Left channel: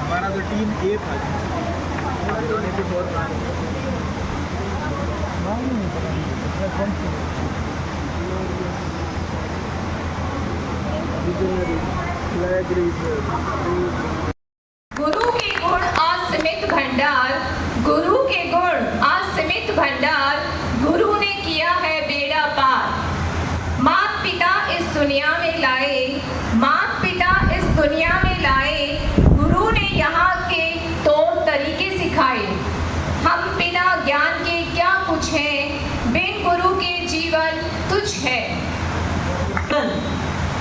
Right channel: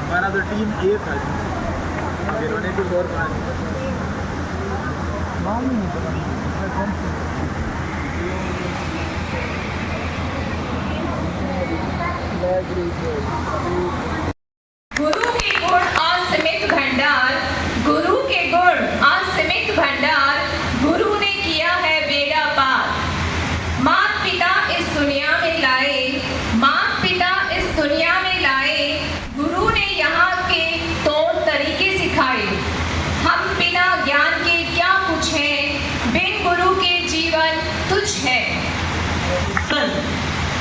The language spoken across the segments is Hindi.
हमारा तो टीम ए था, इन्होंने भी बहुत गुरु के गुण असीमित भंडार, गुरु के गुण असीमित भंडार, गुरु ने किया है बेड़ा पार। माता पिता इस दुनिया में लाए, माता पिता इस दुनिया में लाए, गुरु ने यहाँ के तौर तरीके सिखाए। हम बिना ज्ञान के क्या पूछें, बिन गुरु के जीवन तुच्छ है।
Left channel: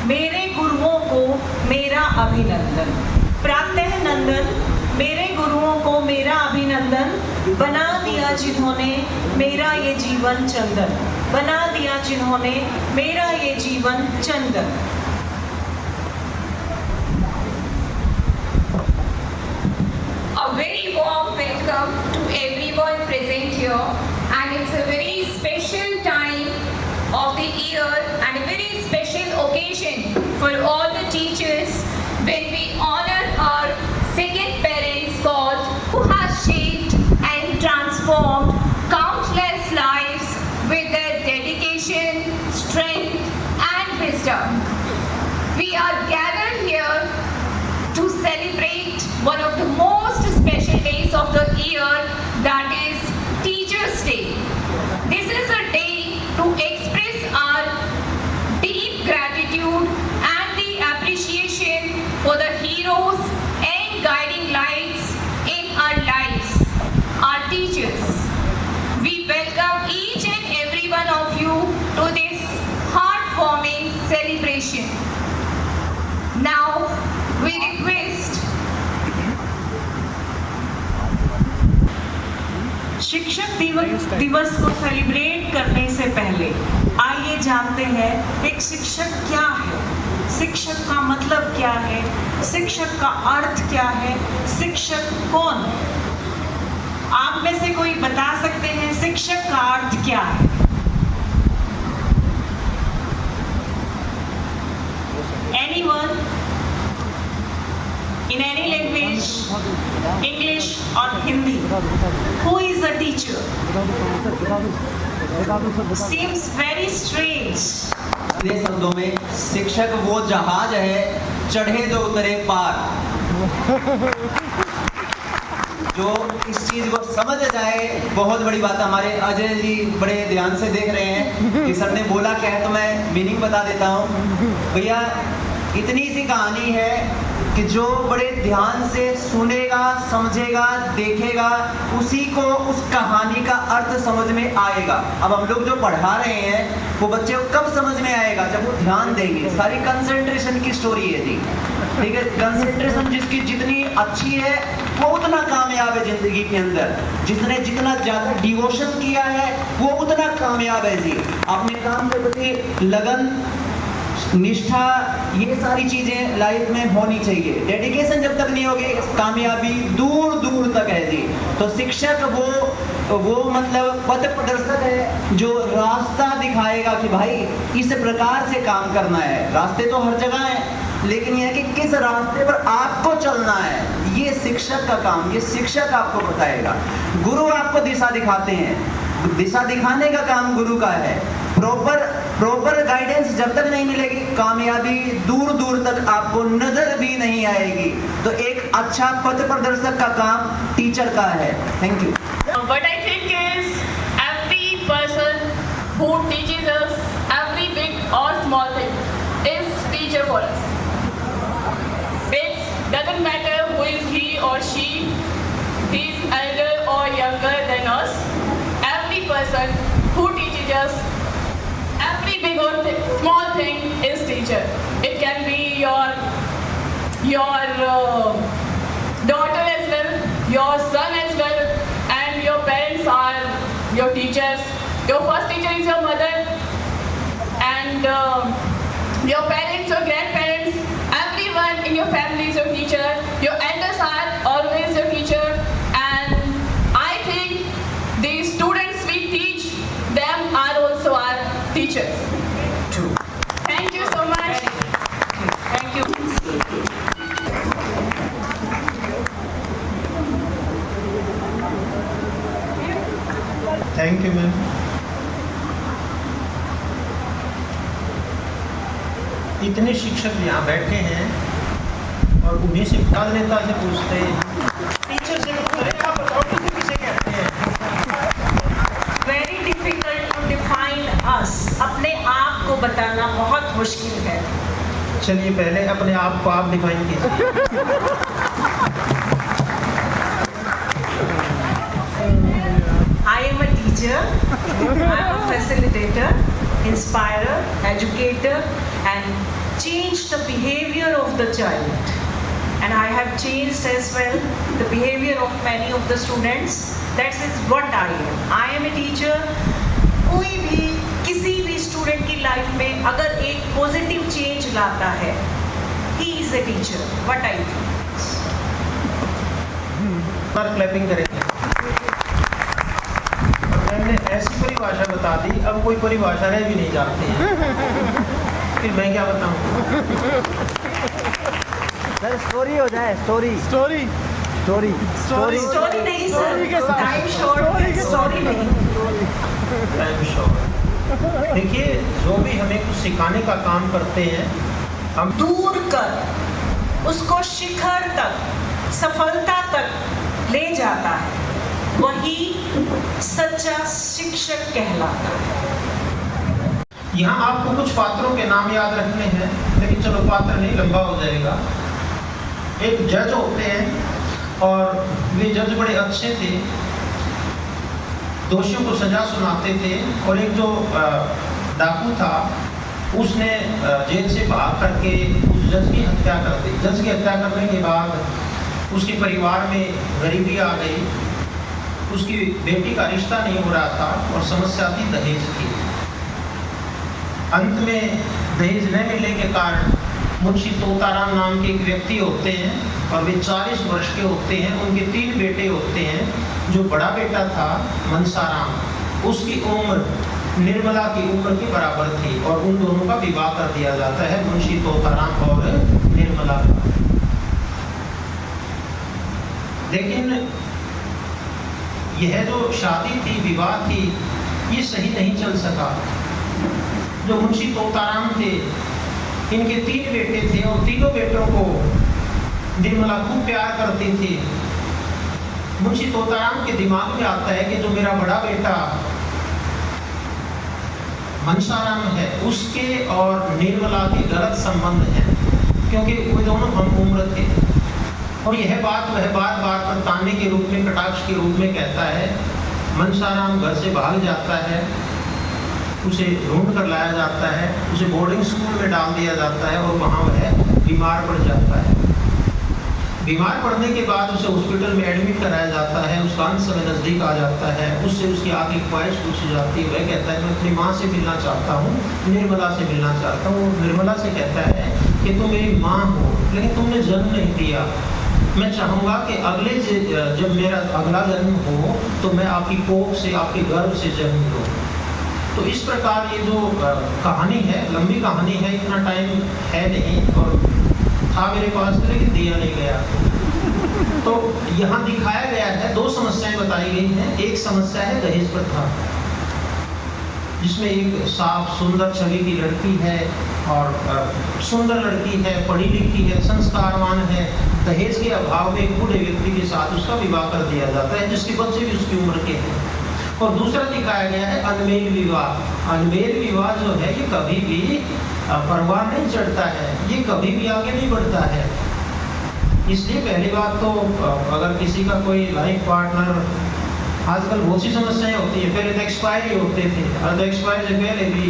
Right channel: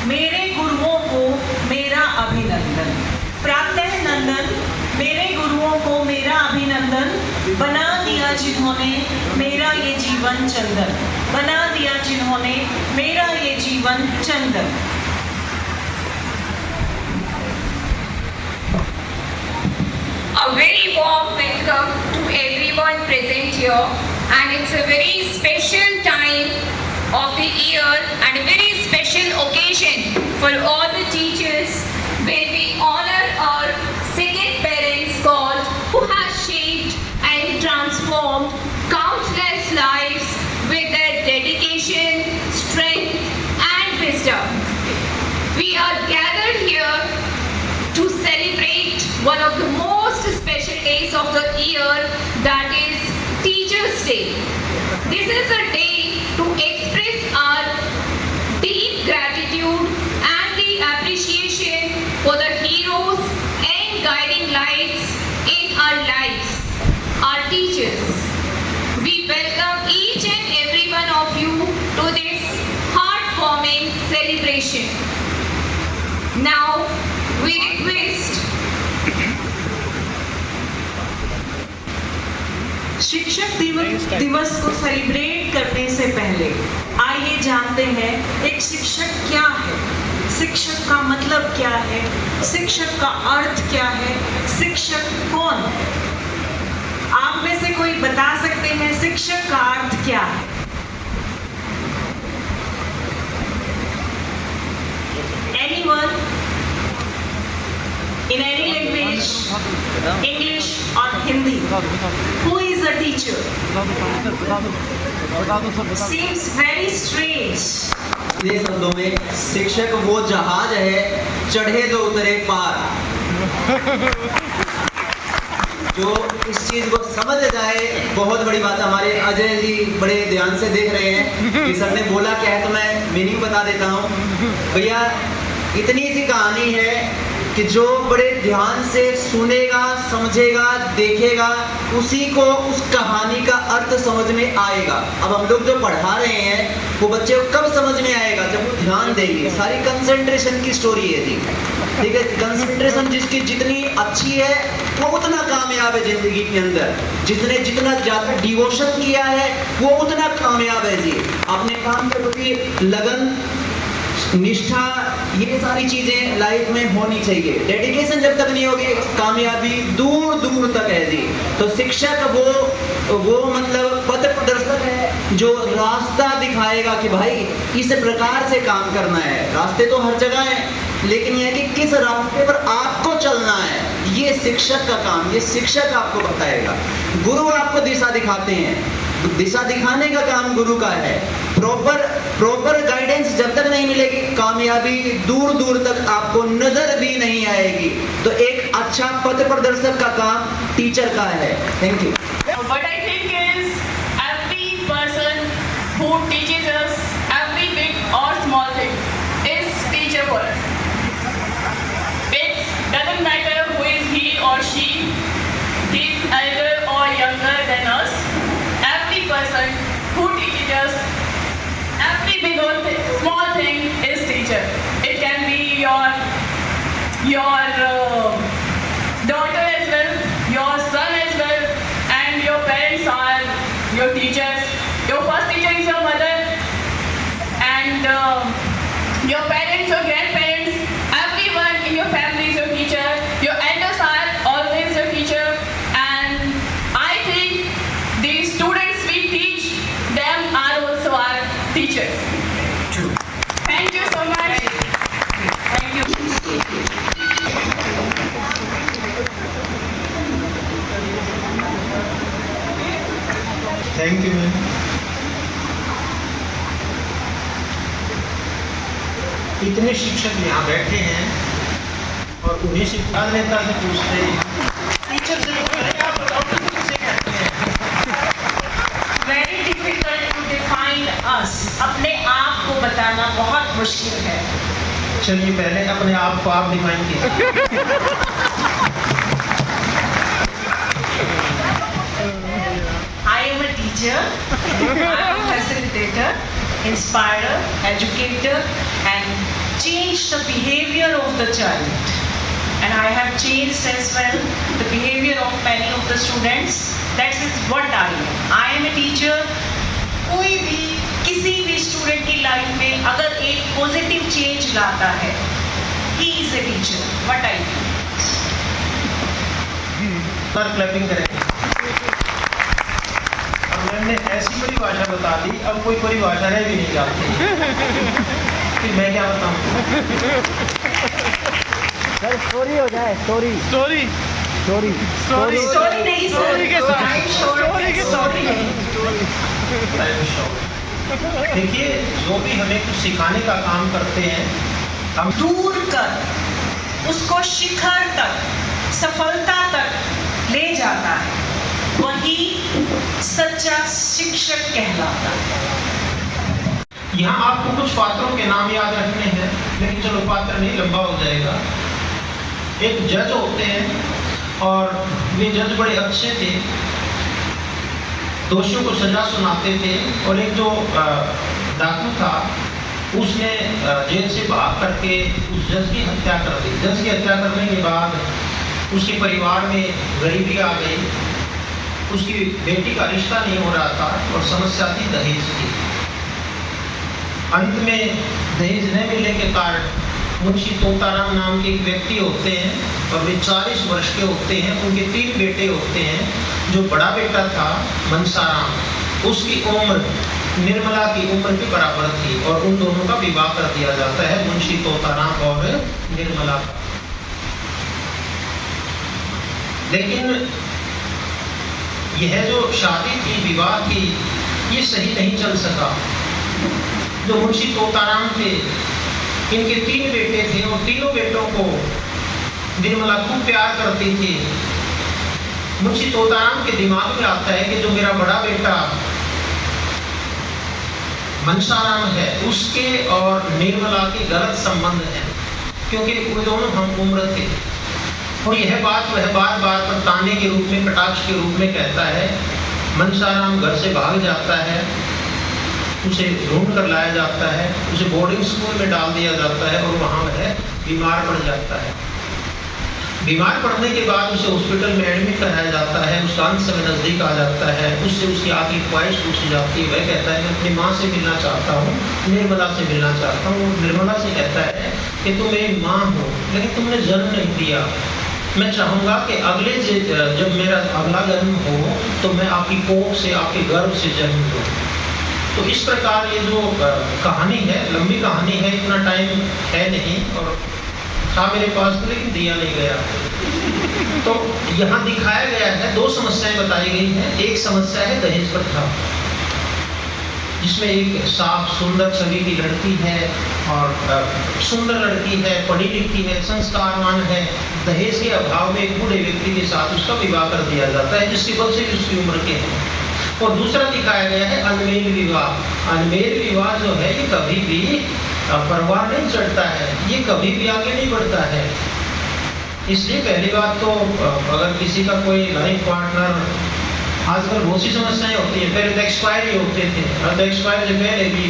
मेरे गुरुओं को मेरा अभिनंदन। प्रातः नंदन मेरे गुरुओं को मेरा अभिनंदन। बना दिया जिन्होंने मेरा ये जीवन चंदन, बना दिया जिन्होंने मेरा ये जीवन चंदन। A very warm welcome to everyone present here, and it's a very special time of the year and a very special occasion for all the teachers where we honor our silent parents God who has shaped and transformed countless lives with their dedication, strength and wisdom. We are gathered here to celebrate one of the most special days of the year, that is Teachers' Day. This is a day to express our deep gratitude and the appreciation for the heroes and guiding lights in our lives, our teachers. We welcome each and every one of you to this heartwarming celebration. Now, we request शिक्षक दिवस को सेलिब्रेट करने से पहले आइए जानते हैं एक शिक्षक क्या है, शिक्षक का मतलब क्या है, शिक्षक का अर्थ क्या है, शिक्षक कौन। आप में से कोई बता सकते हैं शिक्षक का अर्थ क्या है? Anyone? In any language, English or Hindi, who is a teacher? Seems very strange. ये शब्दों में शिक्षक वो जहाज है चढ़े जो उतरे पार। जो इस चीज को समझ जाए बहुत बड़ी बात। हमारे अजय जी बड़े ध्यान से देख रहे हैं कि सर ने बोला क्या है, तो मैं मीनिंग बता देता हूँ। भैया इतनी सी कहानी है कि जो बड़े ध्यान से सुनेगा, समझेगा, देखेगा, उसी को उस कहानी का अर्थ समझ में आएगा। अब हम लोग जो पढ़ा रहे हैं वो बच्चे को कब समझ में आएगा, जब वो ध्यान देंगे। सारी कंसंट्रेशन की स्टोरी है जी, ठीक है। कंसंट्रेशन जिसकी जितनी अच्छी है वो उतना कामयाब है जिंदगी के अंदर। जिसने जितना ज्यादा डिवोशन किया है वो उतना कामयाब है जी। अपने काम के प्रति लगन, निष्ठा, ये सारी चीजें लाइफ में होनी चाहिए। डेडिकेशन जब तक नहीं होगी कामयाबी दूर दूर तक है जी। तो शिक्षक वो मतलब पथ प्रदर्शक है जो रास्ता दिखाएगा कि भाई इस प्रकार से काम करना है। रास्ते तो हर जगह है, लेकिन यह कि किस रास्ते पर आपको चलना है ये शिक्षक का काम, ये शिक्षक आपको बताएगा। गुरु आपको दिशा दिखाते हैं, दिशा दिखाने का काम गुरु का है। प्रॉपर गाइडेंस जब तक नहीं मिलेगी कामयाबी दूर दूर तक आपको नजर भी नहीं आएगी। तो एक अच्छा पथ प्रदर्शक का काम टीचर का है। Thank you. What I think is every person who teaches us every big or small thing is teacher for us. It doesn't matter who is he or she, he's elder or younger than us. Every person who teaches us every big or small thing is teacher. It can be your daughter as well, your son as well, and your parents are your teachers. Your first teacher is your mother, and your parents, your grandparents, everyone in your family is your teacher. Your elders are always your teacher, and I think the students we teach them are also our teachers. True. Thank you so much. Thank you. इतने शिक्षक यहाँ बैठे हैं और उन्हीं शिक्षा नेता से पूछते हैं टीचर से पहले आप बताओ टीचर किसे कहते हैं। वेरी डिफिकल्ट टू डिफाइन अस, अपने आप को बताना बहुत मुश्किल है। चलिए पहले अपने आप को आप डिफाइन कीजिए। I am a teacher, I am a facilitator, inspirer, educator, and change the behavior of the child. And I have changed as well the behavior of many of the students. That is what I am. I am a teacher. कोई भी किसी भी स्टूडेंट की लाइफ में अगर एक पॉजिटिव चेंज लाता है, he is a teacher. What I do. और क्लैपिंग करेंगे। मैंने ऐसी परिभाषा बता दी, अब कोई परिभाषा है भी नहीं जानती। फिर मैं क्या बताऊँ? सर स्टोरी हो जाए, स्टोरी स्टोरी नहीं स्टोरी के साथ। स्टोरी नहीं। देखिए, जो भी हमें कुछ सिखाने का काम करते हैं, हम दूर कर उसको शिखर तक, सफलता तक ले जाता है, वही सच्चा शिक्षक कहलाता है। यहाँ आपको कुछ पात्रों के नाम याद रखने हैं, लेकिन चलो पात्र नहीं, लंबा हो जाएगा। एक जज होते हैं और वे जज बड़े अच्छे थे, दोषियों को सजा सुनाते थे। और एक जो डाकू था, उसने जेल से भाग करके उस जज की हत्या कर दी। जज की हत्या करने के बाद उसके परिवार में गरीबी आ गई, उसकी बेटी का रिश्ता नहीं हो रहा था और समस्या थी दहेज की। अंत में दहेज न मिलने के कारण मुंशी तोताराम नाम के एक व्यक्ति होते हैं और वे 40 वर्ष के होते हैं। उनके 3 बेटे होते हैं। जो बड़ा बेटा था मनसाराम, उसकी उम्र निर्मला की उम्र के बराबर थी और उन दोनों का विवाह कर दिया जाता है, मुंशी तोताराम और निर्मला का। लेकिन यह जो शादी थी, विवाह थी, ये सही नहीं चल सका। जो मुंशी तोताराम थे, इनके 3 बेटे थे और तीनों बेटों को निर्मला खूब प्यार करती थी। मुंशी तोताराम के दिमाग में आता है कि जो मेरा बड़ा बेटा मनसाराम है, उसके और निर्मला के गलत संबंध हैं, क्योंकि वो दोनों हम उम्र थे। और यह बात वह बार बार पर ताने के रूप में, कटाक्ष के रूप में कहता है। मनसाराम घर से भाग जाता है, उसे ढूंढ कर लाया जाता है, उसे बोर्डिंग स्कूल में डाल दिया जाता है और वहाँ वह बीमार पड़ जाता है। बीमार पड़ने के बाद उसे हॉस्पिटल में एडमिट कराया जाता है। उसका अंत समय नज़दीक आ जाता है। उससे उसकी आखिरी ख्वाहिश पूछी जाती है। वह कहता है मैं अपनी माँ से मिलना चाहता हूँ, निर्मला से मिलना चाहता हूँ। निर्मला से कहता है कि तुम मेरी माँ हो, लेकिन तुमने जन्म नहीं दिया। मैं चाहूँगा कि अगले जब मेरा अगला जन्म हो तो मैं आपकी कोख से, आपके गर्भ से जन्म लूँ। तो इस प्रकार ये जो कहानी है, लंबी कहानी है, इतना टाइम है नहीं और था मेरे पास, लेकिन दिया नहीं गया। तो यहाँ दिखाया गया है, 2 समस्याएं बताई गई हैं। एक समस्या है दहेज प्रथा, जिसमें एक साफ सुंदर छवि की लड़की है और सुंदर लड़की है, पढ़ी लिखी है, संस्कारवान है। दहेज के अभाव में एक बूढ़े व्यक्ति के साथ उसका विवाह कर दिया जाता है, जिसके बच्चे भी उसकी उम्र के हैं। और दूसरा दिखाया गया है अनमेल विवाह। अनमेल विवाह जो है ये कभी भी परवाह नहीं चढ़ता है, ये कभी भी आगे नहीं बढ़ता है। इसलिए पहली बात तो अगर किसी का कोई लाइफ पार्टनर, आजकल बहुत सी समस्याएं होती हैं। पहले तो एक्सपायर ही होते थे, अब एक्सपायर से पहले भी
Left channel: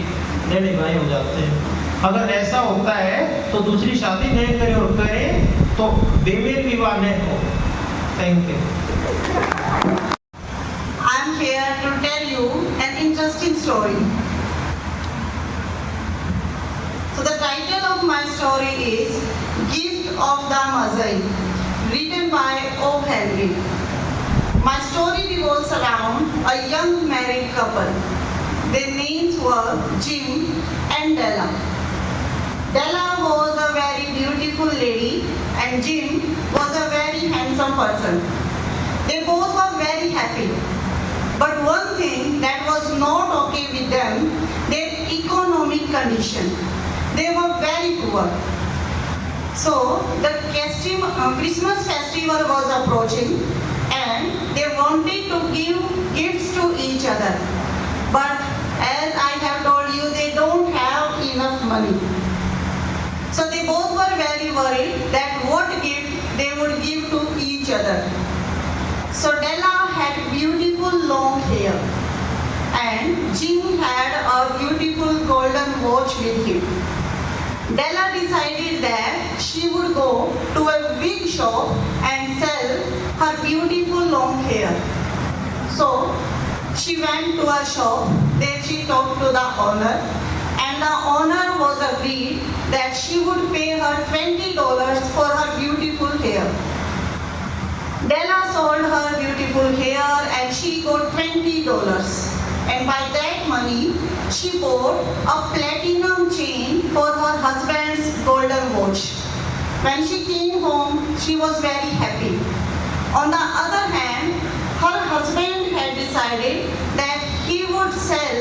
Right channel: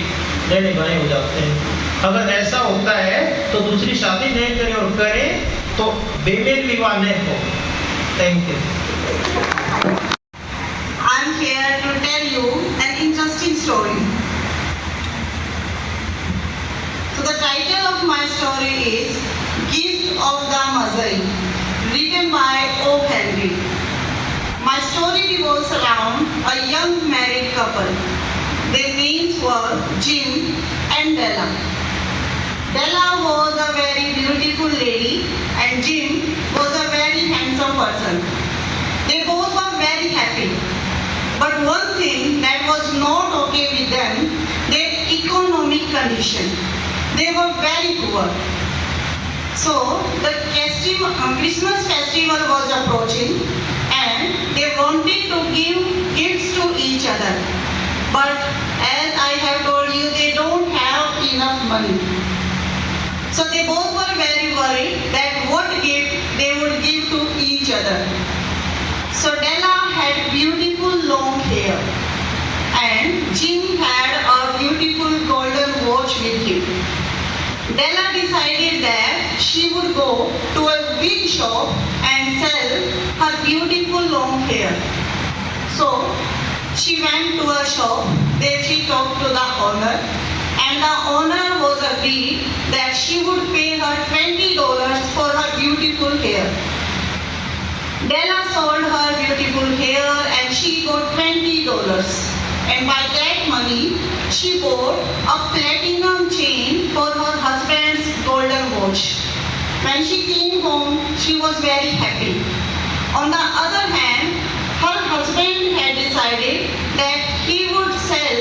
नए बाएँ हो जाते हैं। अगर ऐसा होता है तो दूसरी शादी नहीं करें, और करें तो बेमेल विवाह नहीं हो। Thank you. I am here to tell you an interesting story. So the title of my story is Gift of the Mosaic, written by O. Henry. My story revolves around a young married couple. Their names were Jim and Della. Della was a very beautiful lady and Jim was a very handsome person. They both were very happy. But one thing that was not okay with them, their economic condition. They were very poor. So the Christmas festival was approaching and they wanted to give gifts to each other. But as I have told you, they don't have enough money. So they both were very worried that what gift they would give to each other. So Della had beautiful long hair and Jim had a beautiful golden watch with him. Della decided that she would go to a wig shop and sell her beautiful long hair. So she went to a shop, there she talked to the owner, and the owner was agreed that she would pay her $20 for her beautiful hair. Della sold her beautiful hair and she got $20. And by that money, she bought a platinum chain for her husband's golden watch. When she came home, she was very happy. On the other hand, her husband had decided that he would sell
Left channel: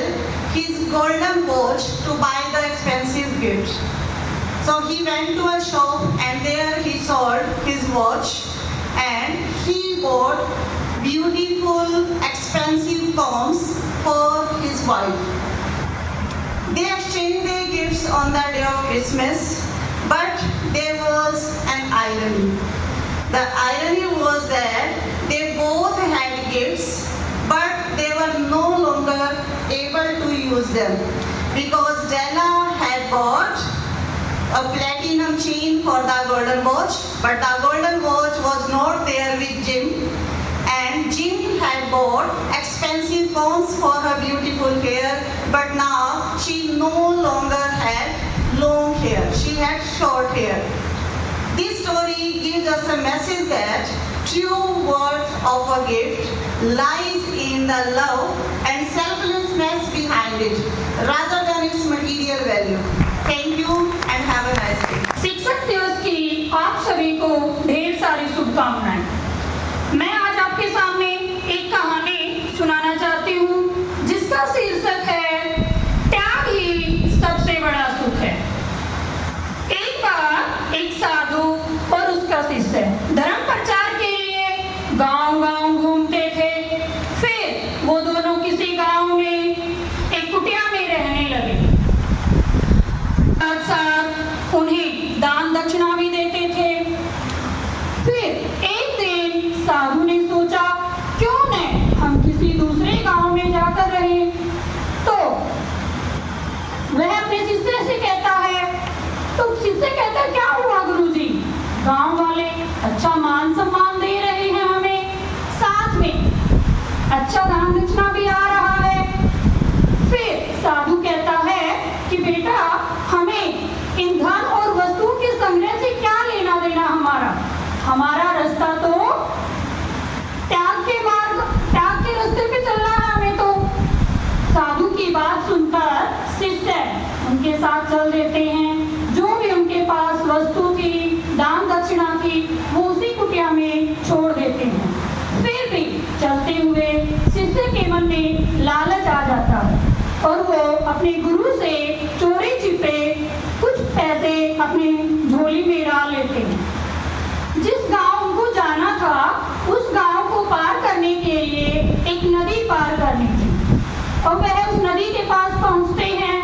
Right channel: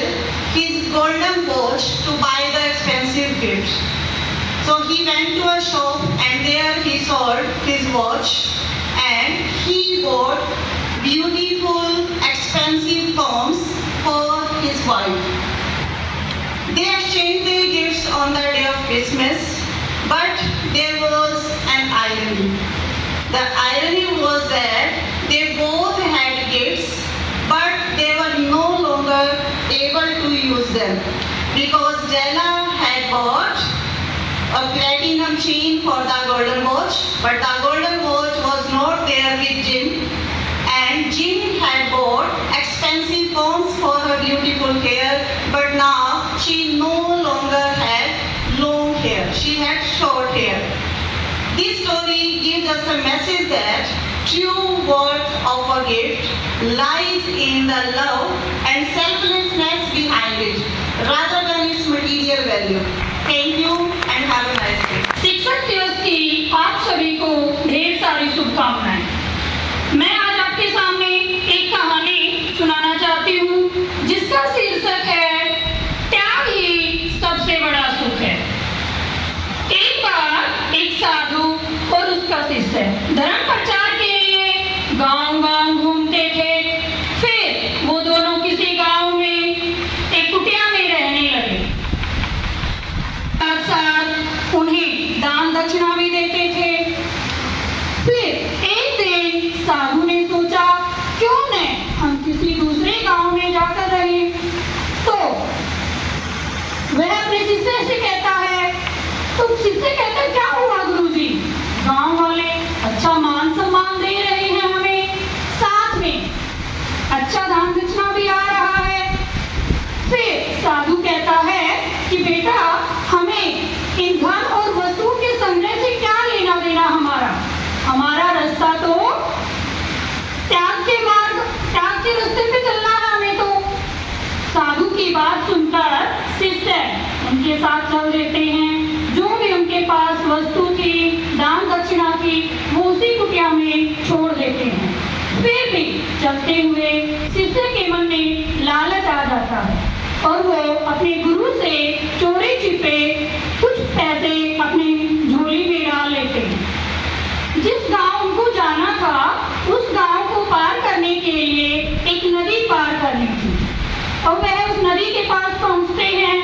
his golden watch to buy the expensive gifts. So he went to a shop and there he sold his watch and he bought beautiful, expensive combs for his wife. They exchanged their gifts on the day of Christmas, but there was an irony. The irony was that they both had gifts, but they were no longer able to use them because Della had bought a platinum chain for the golden watch, but the golden watch was not there with Jim, and Jim had bought expensive combs for her beautiful hair, but now she no longer had long hair, she had short hair. This story gives us a message that true worth of a gift lies in the love and selflessness behind it, rather than its material value. Thank you and have a nice day. शिक्षक दिवस की आप सभी को ढेर सारी शुभकामनाएं। मैं आज आपके सामने एक कहानी सुनाना चाहती हूँ जिसका शीर्षक है त्याग ही सबसे बड़ा सुख है। एक बार एक साधु और उसका शिष्य धर्म प्रचार के लिए गांव-गांव घूमते थे। फिर वो दोनों किसी गांव में एक कुटिया में रहने लगे। साथ उन्हें दान दक्षिणा भी देते थे। फिर एक दिन साधु ने सोचा क्यों न हम किसी दूसरे गांव में जाकर रहें। तो वह अपने शिष्य से कहता है, तो शिष्य कहता है क्या हुआ गुरुजी? गांव वाले अच्छा मान सम्मान दे रहे हैं हमें, साथ में अच्छा दान दक्षिणा भी आ रहा है। फिर साधु कहता है कि बेटा हमें इन धन और वस्तु के संग्रह से क्या लेना देना, हमारा रास्ता तो त्याग के मार्ग, त्याग के रास्ते पे चलना है हमें तो। साधु की बात सुनकर शिष्य उनके साथ चल देते हैं। जो भी उनके पास वस्तु थी, दान दक्षिणा की, वो उसी कुटिया में छोड़ देते हैं। फिर भी चलते हुए शिष्य के मन में लालच आ जाता है और वो अपने गुरु से चोरी छिपे कुछ पैसे अपने झोली में डाल लेते हैं। जिस गांव उनको जाना था उस गांव को पार करने के लिए एक नदी पार करनी थी और वह उस नदी के पास पहुंचते हैं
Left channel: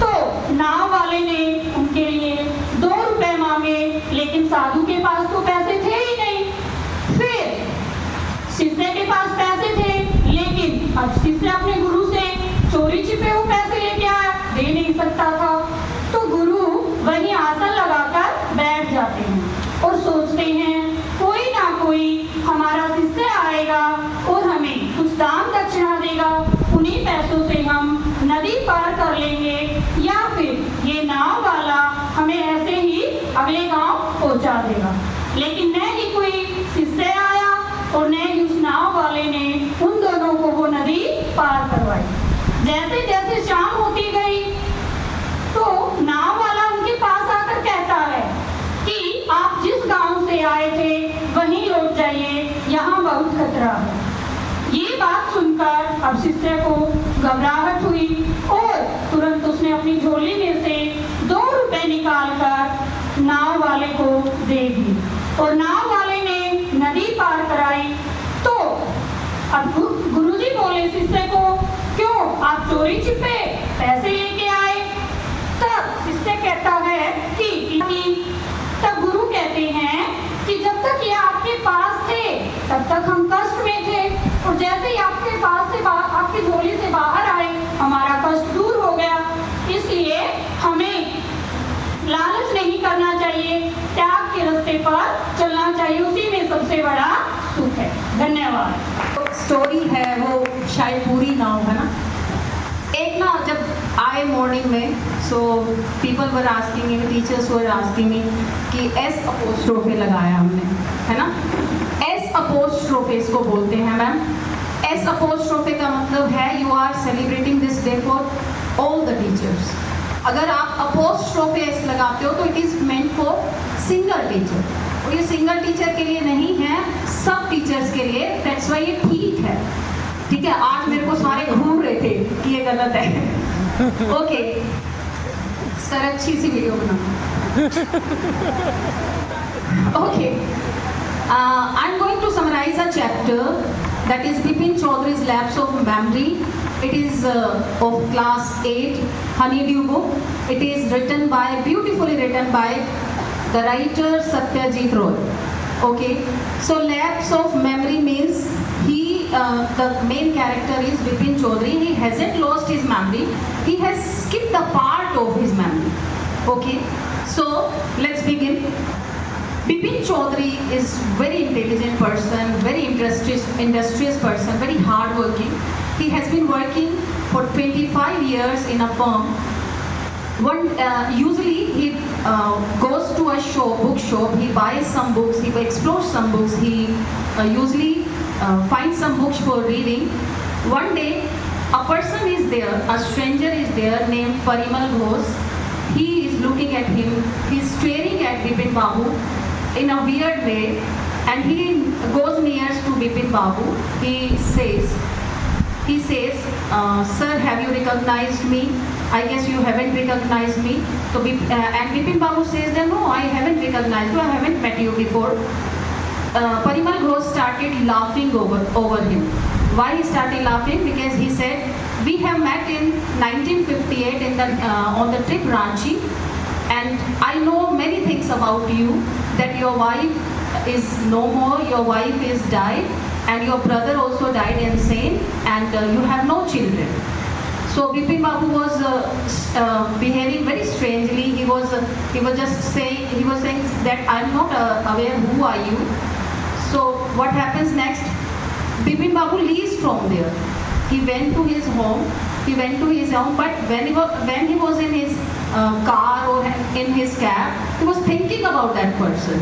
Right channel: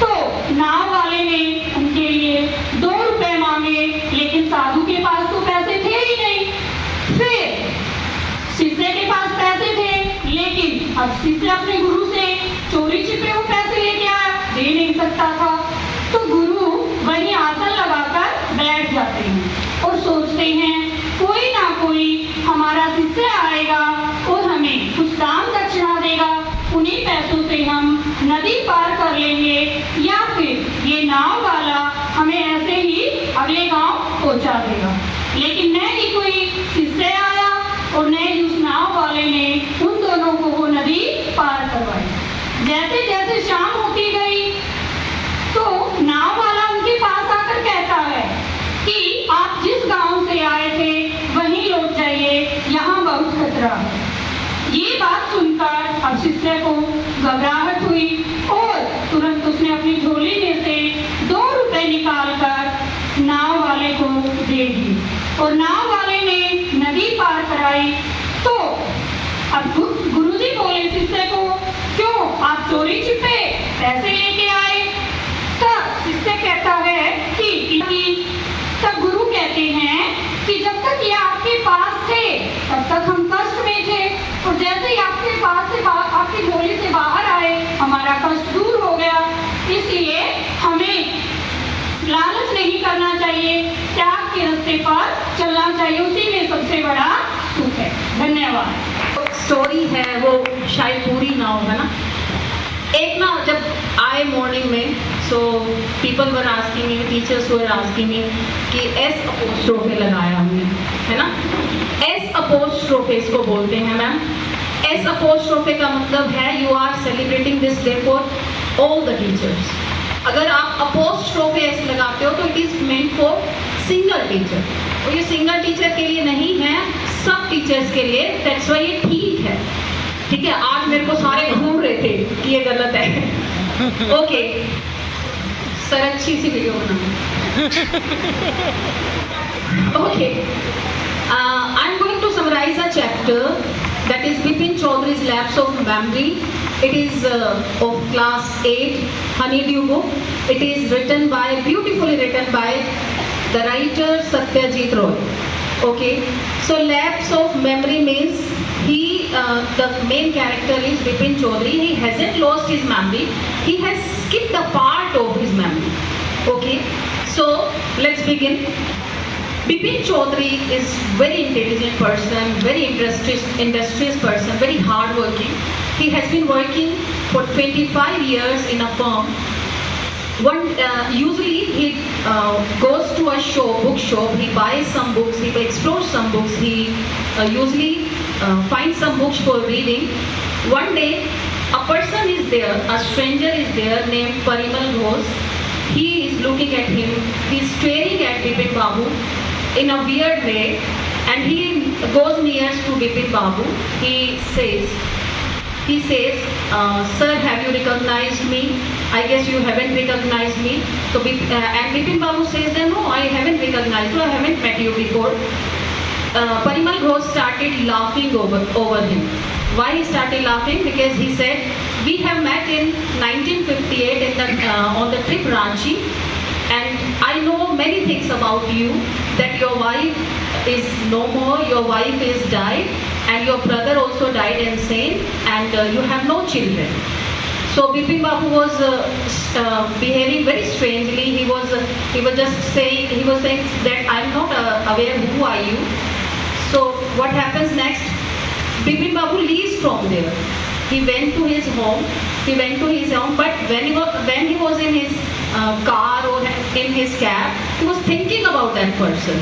तो नाव वाले ने उनके लिए 2 रुपए मांगे, लेकिन साधु के पास तो पैसे थे ही नहीं। फिर शिष्य के पास पैसे थे, लेकिन अब शिष्य अपने गुरु से चोरी छिपे हुए पैसे लेके आया, दे नहीं सकता था। तो गुरु वहीं आसन लगाकर बैठ जाते हैं और सोचते हैं कोई ना कोई हमारा शिष्य आएगा और हमें कुछ दान दक्षिणा देगा, उन्हीं पैसों से हम नदी पार कर लेंगे या फिर ये नाव वाला हमें ऐसे ही अगले गांव पहुंचा देगा। लेकिन न ही कोई शिष्य आया और न ही उस नाव वाले ने उन दोनों को वो नदी पार करवाई। जैसे जैसे शाम होती गई तो नाव वाला उनके पास आकर कहता है कि आप जिस गांव से आए थे वहीं लौट जाइए, यहाँ बहुत खतरा है। ये बात सुनकर अब शिष्य को घबराहट हुई और तुरंत उसने अपनी झोली में से 2 वाले को दे दी और नाव वाले ने नदी पार कराई। तो अब गुरुजी बोले शिष्य को, क्यों आप चोरी छिपे पैसे लेके आए? तब शिष्य कहता है कि तब गुरु कहते हैं कि जब तक ये आपके पास थे तब तक हम कष्ट में थे, और जैसे ही आपके पास से आपकी झोली से बाहर आए हमारा कष्ट दूर हो गया। इसलिए हमें लालच नहीं करना चाहिए, त्याग के रास्ते पर चलना चाहिए, उसी में सबसे बड़ा सुख है। धन्यवाद। स्टोरी है वो शायद पूरी ना होगा ना। एक ना जब आए मॉर्निंग में, so people were asking me, teachers were asking me कि एस अपोस्ट्रोफे लगाया हमने, है ना। एस अपोस्ट्रोफे इसको बोलते हैं मैम। एस अपोस्ट्रोफे का मतलब है you are celebrating this day for all the teachers. अगर आप अपोस्ट्रोफे एस लगाते हो तो it is meant for single teacher, और ये सिंगल टीचर के लिए नहीं है, सब टीचर्स के लिए। दैट्स व्हाई ये ठीक है, ठीक है। आज मेरे को सारे घूम रहे थे कि ये गलत है। ओके सर, अच्छी सी वीडियो बना। Okay, I am going to summarise a chapter that is Bipin Chaudhary's Lapse of Memory. It is of class 8 Honeydew book. It is beautifully written by the writer Satyajit Roy. Okay, so lapse of memory means the main character is Bipin Chaudhary. He hasn't lost his memory, he has skipped a part of his memory. Okay, so let's begin. Bipin Chaudhary is very intelligent person, very industrious person, very hardworking. He has been working for 25 years in a firm. Usually he goes to a bookshop, he buys some books, he explores some books, he usually finds some books for reading. One day a person is there, a stranger is there named Parimal Ghosh. He is looking at him, he is staring at Bipin Babu in a weird way, and he goes near to Bipin Babu. He says, sir, have you recognized me? I guess you haven't recognized me. So and Bipin Babu says that no, I haven't recognized you, I haven't met you before. Parimal Ghosh started laughing over him. Why he started laughing? Because he said, we have met in 1958 on the trip Ranchi, and I know many things about you, that your wife is no more, your wife is died, and your brother also died insane, and you have no children. So Bipin Babu was behaving very strangely. He was just saying, that I'm not aware who are you. So what happens next? Bipin Babu leaves from there. He went to his home, but when he was in his car or in his cab, he was thinking about that person.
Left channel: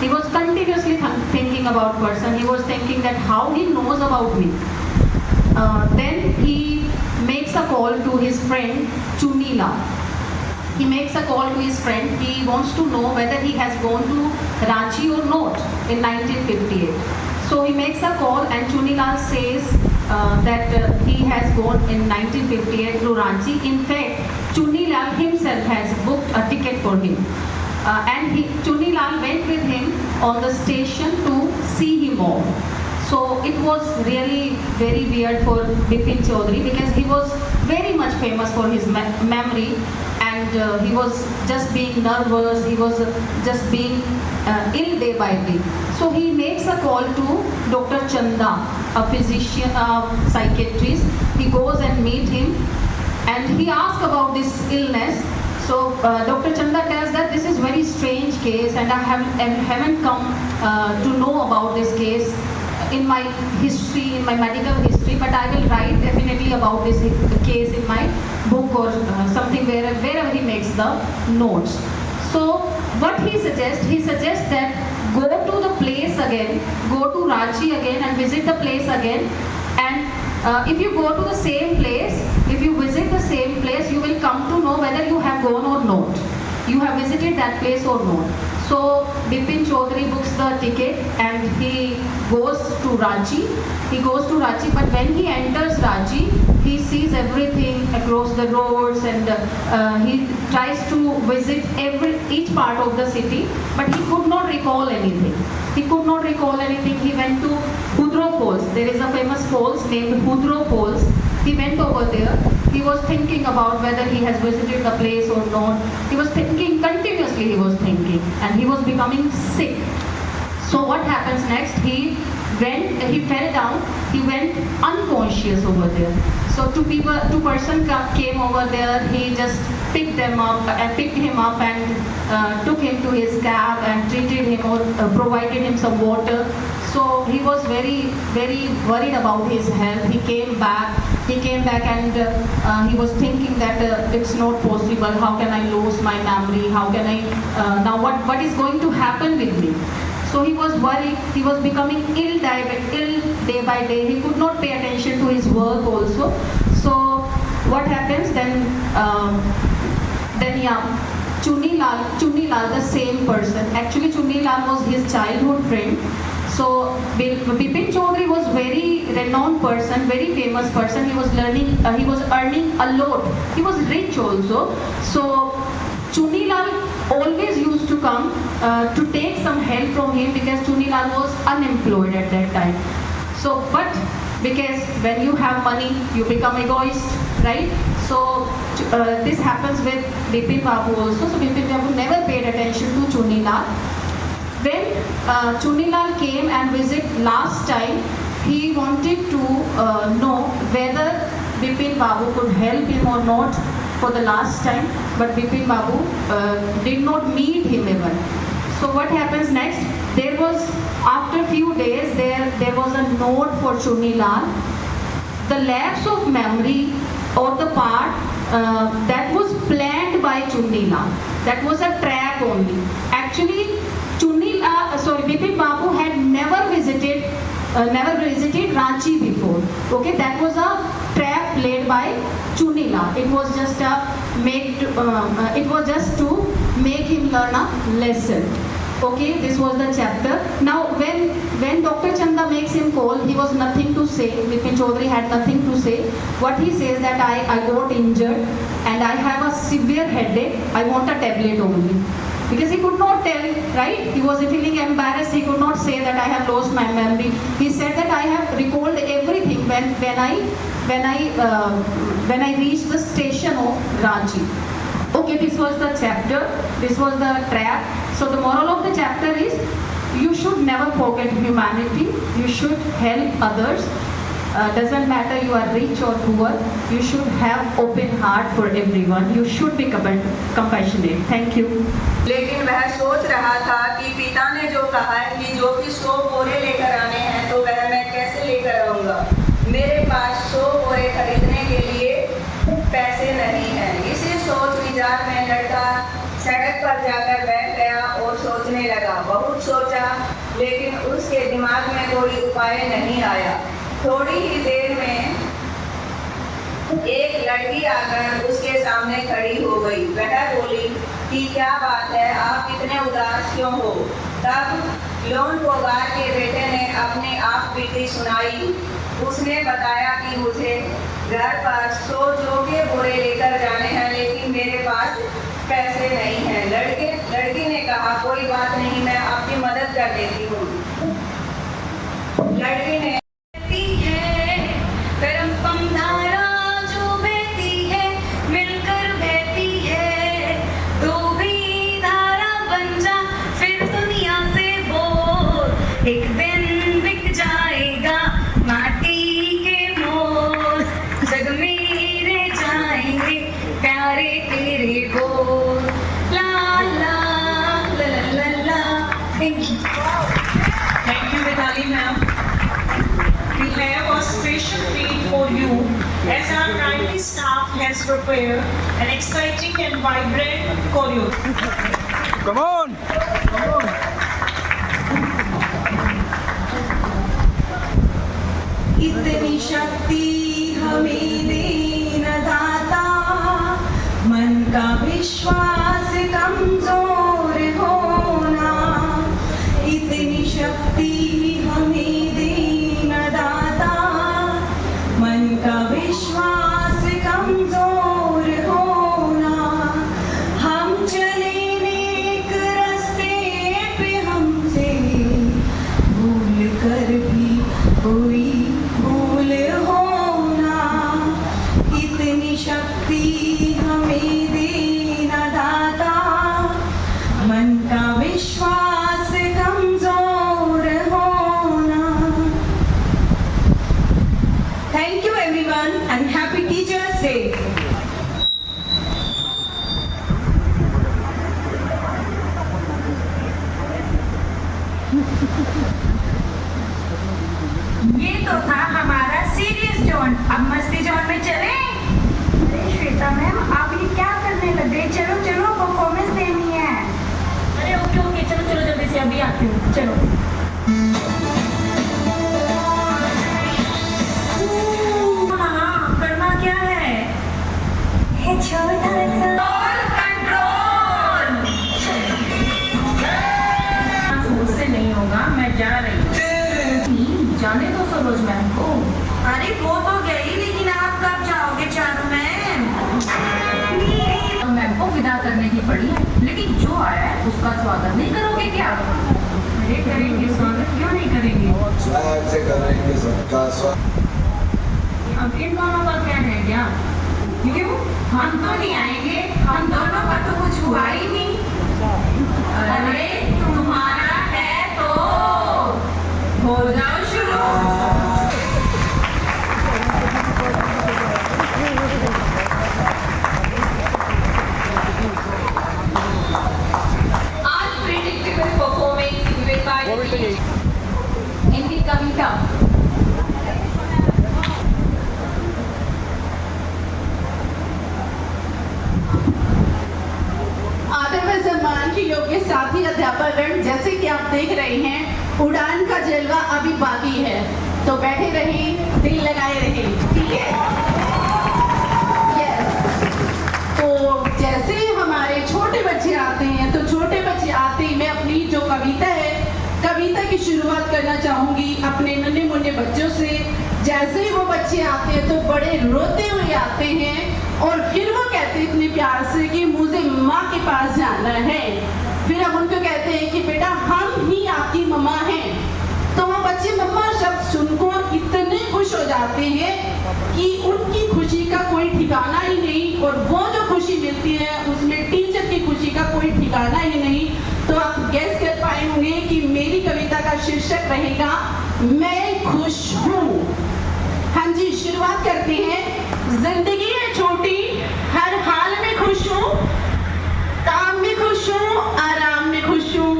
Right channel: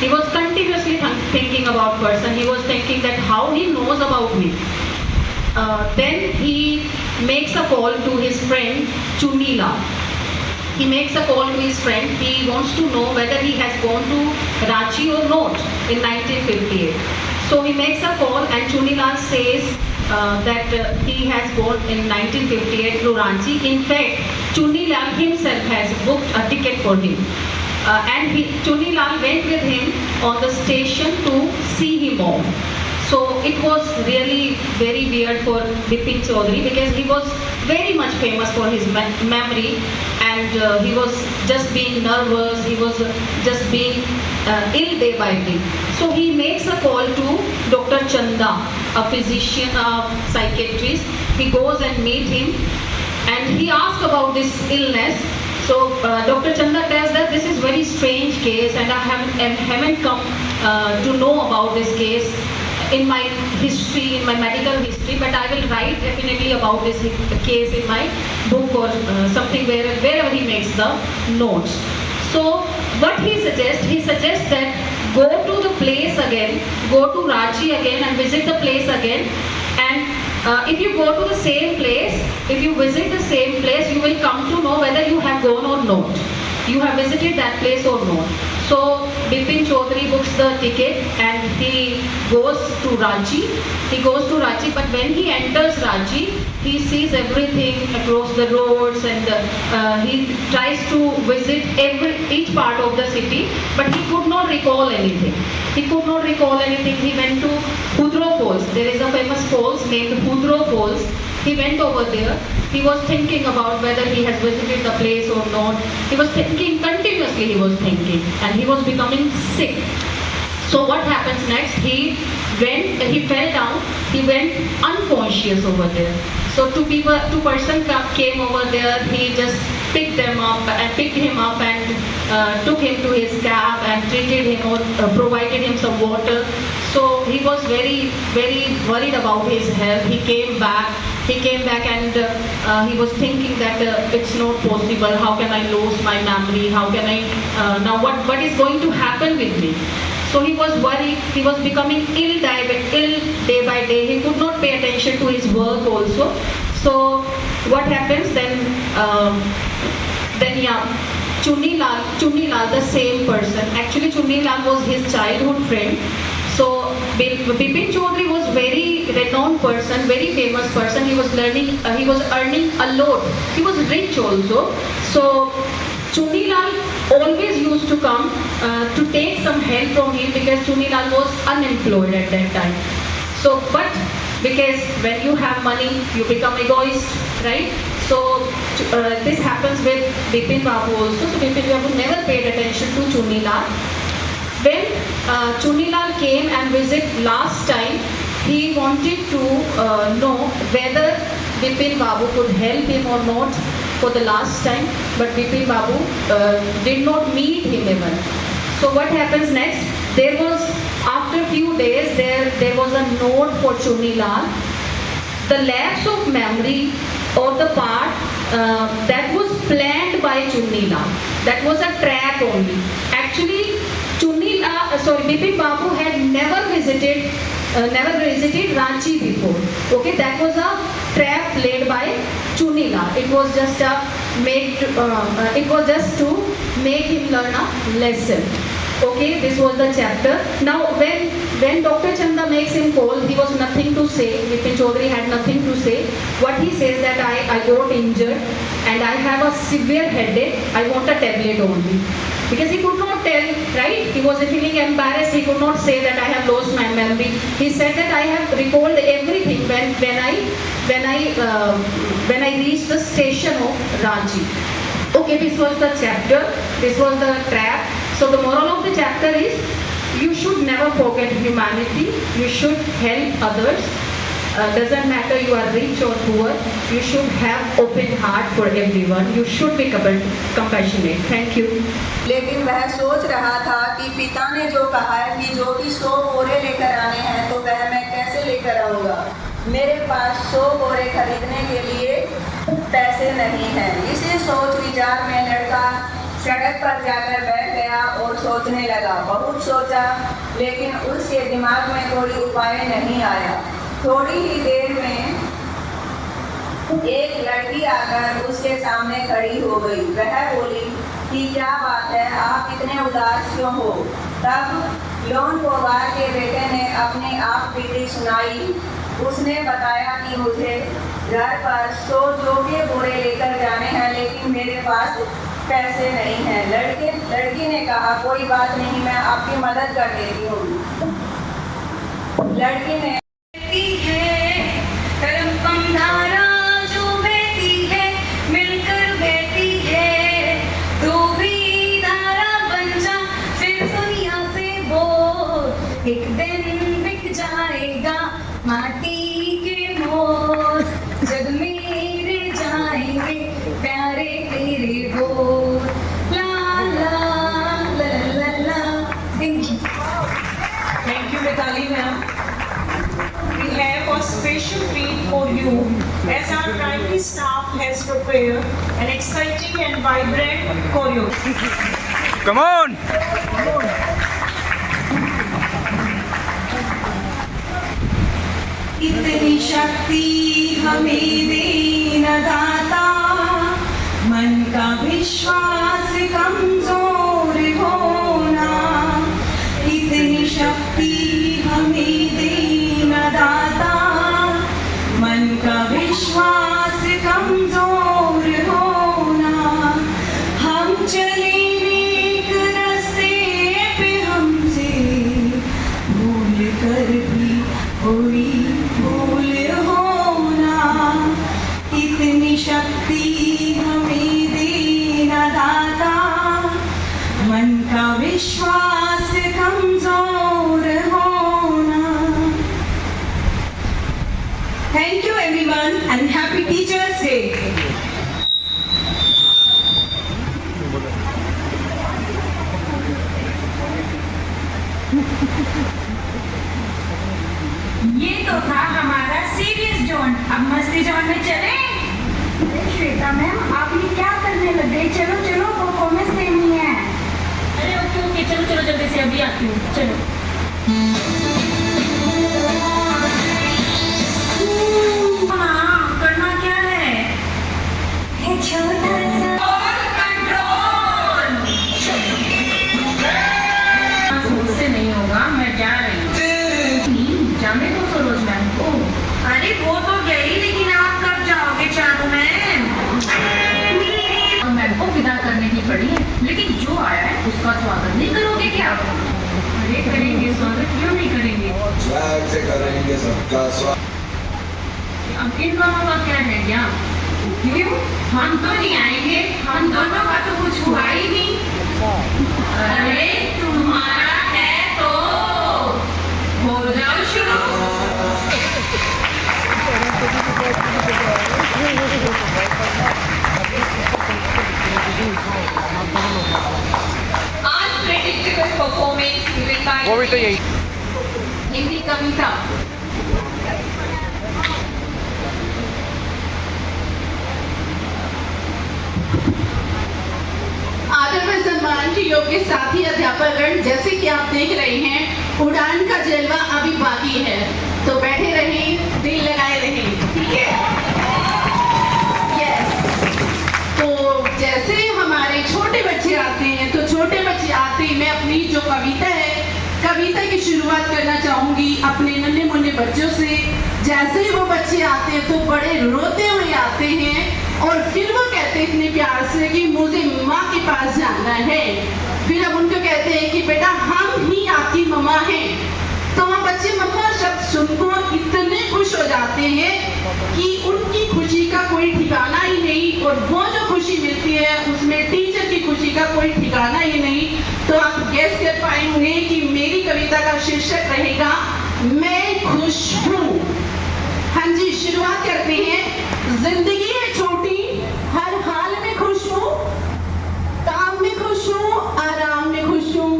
He was continuously thinking about person. He was thinking that how he knows about me. Then he makes a call to his friend Chuni Lal. He makes a call to his friend. He wants to know whether he has gone to Ranchi or not in 1958. So he makes a call, and Chuni Lal says that he has gone in 1958 to Ranchi. In fact, Chuni Lal himself has booked a ticket for him. And Chuni Lal went with him on the station to see him off. So it was really very weird for Bipin Chaudhary, because he was very much famous for his memory, and he was just being nervous, he was just being ill day by day. So he makes a call to Dr. Chanda, a physician, a psychiatrist. He goes and meets him, and he asks about this illness. So Dr. Chanda tells that this is very strange case, and I haven't come to know about this case in my history, in my medical history, but I will write definitely about this case in my book or something wherever he makes the notes. So what he suggests that go to the place again, go to Ranchi again and visit the place again, and if you go to the same place, if you visit the same place, you will come to know whether you have gone or not. You have visited that place or not. So Bipin Chaudhary books the ticket and he goes to Ranchi. He goes to Ranchi, but when he enters Ranchi, he sees everything across the roads and he tries to visit each part of the city, but he could not recall anything. He could not recall anything. He went to Hudro Falls. There is a famous falls named Hudro Falls. He went over there. He was thinking about whether he has visited the place or not. He was thinking, continuously he was thinking, and he was becoming sick. So what happens next? He fell down, he went unconscious over there. So two person came over there, he just picked him up and took him to his cab and treated him or provided him some water. So he was very, very worried about his health. He came back and he was thinking that it's not possible. How can I lose my memory? How can I, now what is going to happen with me? So he was worried. He was becoming ill day by day. He could not pay attention to his work also. So what happens then? Chunni Lal, the same person. Actually, Chunni Lal was his childhood friend. So Bipin Chaudhary was very renowned person, very famous person. He was earning a lot. He was rich also. So Chunni Lal always used to come to take some help from him because Chunni Lal was unemployed at that time. So, but because when you have money, you become egoist, right? So this happens with Bipin Babu also. So Bipin Babu never paid attention to Chunni Lal. When Chunni Lal came and visited last time, he wanted to know whether Bipin Babu could help him or not for the last time, but Bipin Babu did not meet him even. So what happens next? There was, after a few days, there was a note for Chunni Lal. The lapse of memory or the part that was planned by Chunni Lal. That was a trap only. Actually, Bipin Babu had never visited Ranchi before. Okay, that was a trap played by Chunni Lal. It was just to make him learn a lesson. Okay, this was the chapter. Now, when Dr. Chanda makes him call, he was nothing to say. Bipin Chaudhary had nothing to say. What he says that I got injured and I have a severe headache. I want a tablet only. Because he could not tell, right? He was feeling embarrassed. He could not say that I have lost my memory. He said that I have recalled everything when I reached the station of Ranchi. Okay, this was the chapter. This was the trap. So the moral of the chapter is, you should never forget humanity. You should help others. Doesn't matter you are rich or poor. You should have open heart for everyone. You should be compassionate. Thank you. लेकिन वह सोच रहा था कि पिता ने जो कहा है कि जो भी 100 बोरे लेकर आने हैं तो वह मैं कैसे लेकर आऊँगा। मेरे पास 100 बोरे खरीदने के लिए पैसे नहीं हैं। इसी सोच विचार में लड़का सड़क पर जाकर बैठ गया और सोचने लगा। बहुत सोचा, लेकिन उसके दिमाग में कोई उपाय नहीं आया। थोड़ी ही देर में एक लड़की आकर उसके सामने खड़ी हो गई। वह बोली कि क्या बात है, आप इतने उदास क्यों हो? तब लोन पोगार के बेटे ने अपनी आप बीती सुनाई। उसने बताया कि मुझे घर पर 100 जोगे बोरे लेकर जाने हैं, लेकिन मेरे पास पैसे नहीं हैं। लड़की ने कहा, कोई बात नहीं, मैं आपकी मदद कर देती हूँ। लड़की ने एक दिन बिक जाएगा माटी के मोर, जग में रह जाएंगे प्यारे तेरे बोल। ला ला ला ला ला। Thank you. Thank you, Mitali ma'am. We have a special treat for you as our primary staff has prepared an exciting and vibrant choreo. Come on! इतनी शक्ति हमें दे न दाता, मन का विश्वास कमजोर होना। कोई भूल होना, इतनी शक्ति हमें देना दाता, मन का विश्वास कमजोर होना। Thank you everyone and happy Teachers Day. ये तो था हमारा सीरियस जोन। अब मस्ती जोन में चले। अरे श्वेता मैम, आप ये क्या करने लगे? चलो चलो, परफॉर्मेंस देनी है। अरे ओके ओके, चलो चलो जल्दी से, अभी आती हूँ। चलो। हाँ, करना क्या है? छोटा सा कंट्रोल। मुझसे नहीं होगा, मैं जा रही हूँ। जाने दो सरोज मैम को। अरे वो तो गई, लेकिन आप कब जाओगे चानू मैम? मैम को विदा करने की पड़ी है, लेकिन जो आया है उसका स्वागत नहीं करोगे क्या? अरे करेंगे स्वागत, क्यों नहीं करेंगे? स्वैग से करेंगे सबका स्वागत। अब इन दोनों का क्या है क्या? क्यों? हम तो नहीं आएंगे, हम दोनों का तो कुछ हुआ ही नहीं। अरे तुम्हारा है तो हो जाओ शुरू। Unpredictable performance given by वो भी तो यही। हिंदी कविता। आदर व सम्मान के योग्य साथी अध्यापकगण, जैसे कि आप देख रहे हैं, उड़ान का जलवा अभी बाकी है, तो बैठे रहें, दिल लगाए रहें, ठीक है? यस। तो जैसे हमारे छोटे बच्चे आते हैं, तो छोटे बच्चे आते ही मैं अपनी जो कविता है, कविता की शुरुआत करना चाहूंगी अपने नन्हे मुन्ने बच्चों से। जैसे ही वो बच्चे आते हैं तो बड़े रोते हुए आते हैं और फिर वो कहते हैं इतने प्यार से कि मुझे माँ के पास जाना है। फिर हम उनको कहते हैं कि बेटा हम ही आपकी मम्मा हैं। तो वो बच्चे मम्मा शब्द सुनकर इतने खुश हो जाते हैं कि उनकी खुशी का कोई ठिकाना ही नहीं, और वो जो खुशी मिलती है उसमें टीचर की खुशी का कोई ठिकाना ही नहीं। तो आप गेस कर पाएंगे कि मेरी कविता का शीर्षक रहेगा मैं खुश हूँ। हाँ जी, शुरुआत करते हैं। जिंदगी है छोटी, हर हाल में खुश हूँ, काम में खुश हूँ, आराम में खुश हूँ।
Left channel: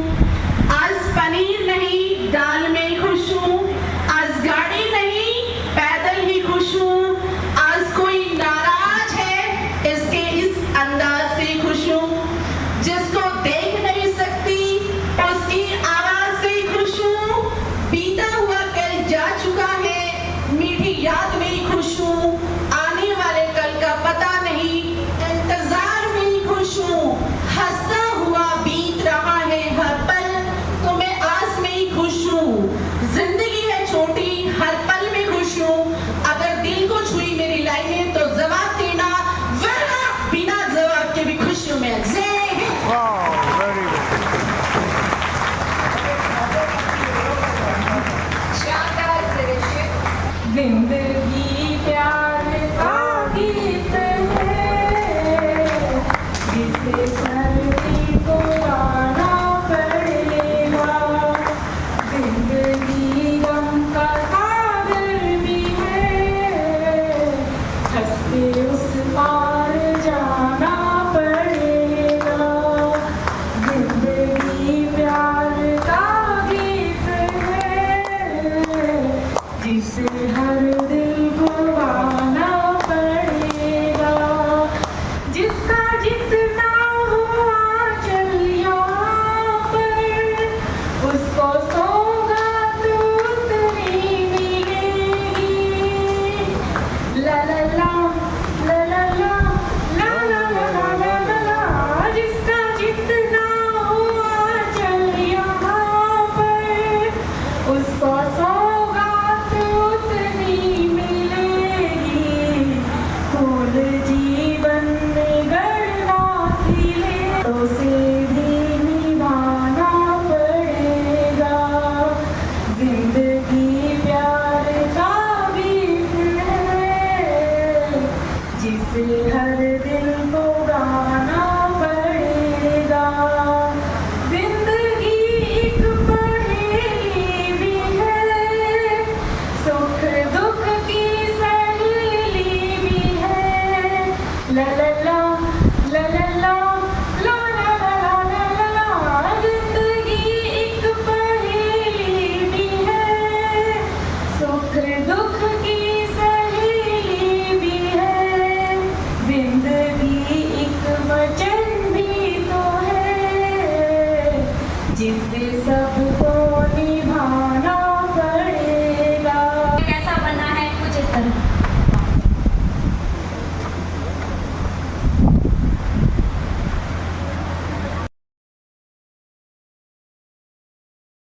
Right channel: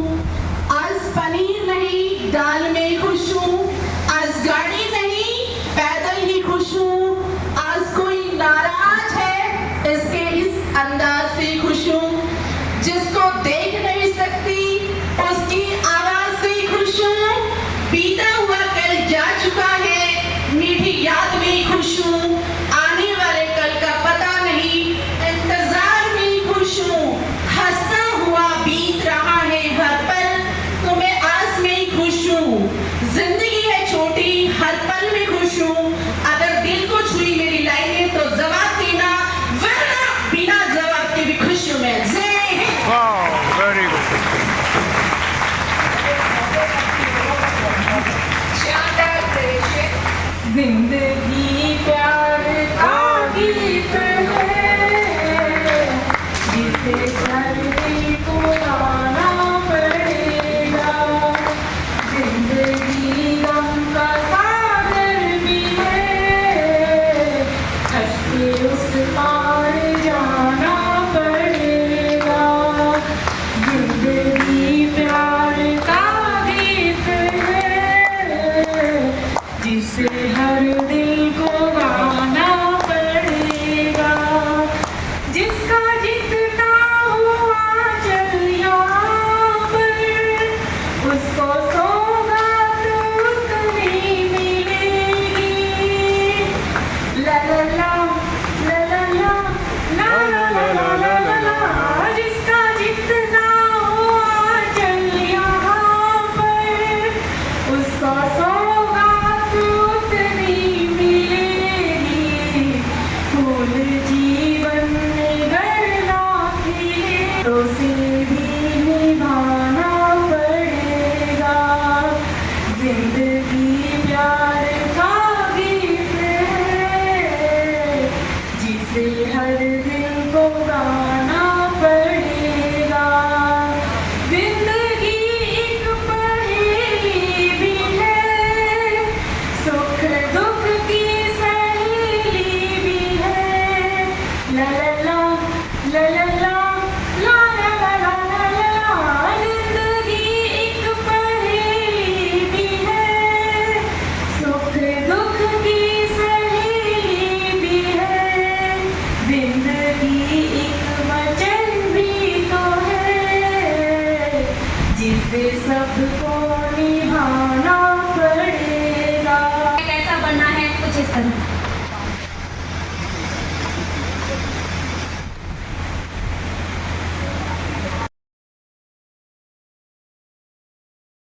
आज पनीर नहीं दाल में खुश हूँ, आज गाड़ी नहीं पैदल ही खुश हूँ। आज कोई नाराज है इसके इस अंदाज से खुश हूँ, जिसको देख नहीं सकती उसकी आवाज से खुश हूँ। बीता हुआ कल जा चुका है, मीठी याद में खुश हूँ। आने वाले कल का पता नहीं, इंतजार में खुश हूँ। हंसता हुआ बीत रहा है हर पल, तो मैं आस में ही खुश हूँ। जिंदगी है छोटी, हर पल में खुश हूँ। अगर दिल को छुई मेरी लाइनें तो जवाब देना, वरना बिना जवाब के भी खुश हूँ मैं। जय हिंद। वाह, वेरी गुड। शानदार दृश्य। जिंदगी सबको निभाना पड़ेगा। कैसा बनना है कुछ इस तरह।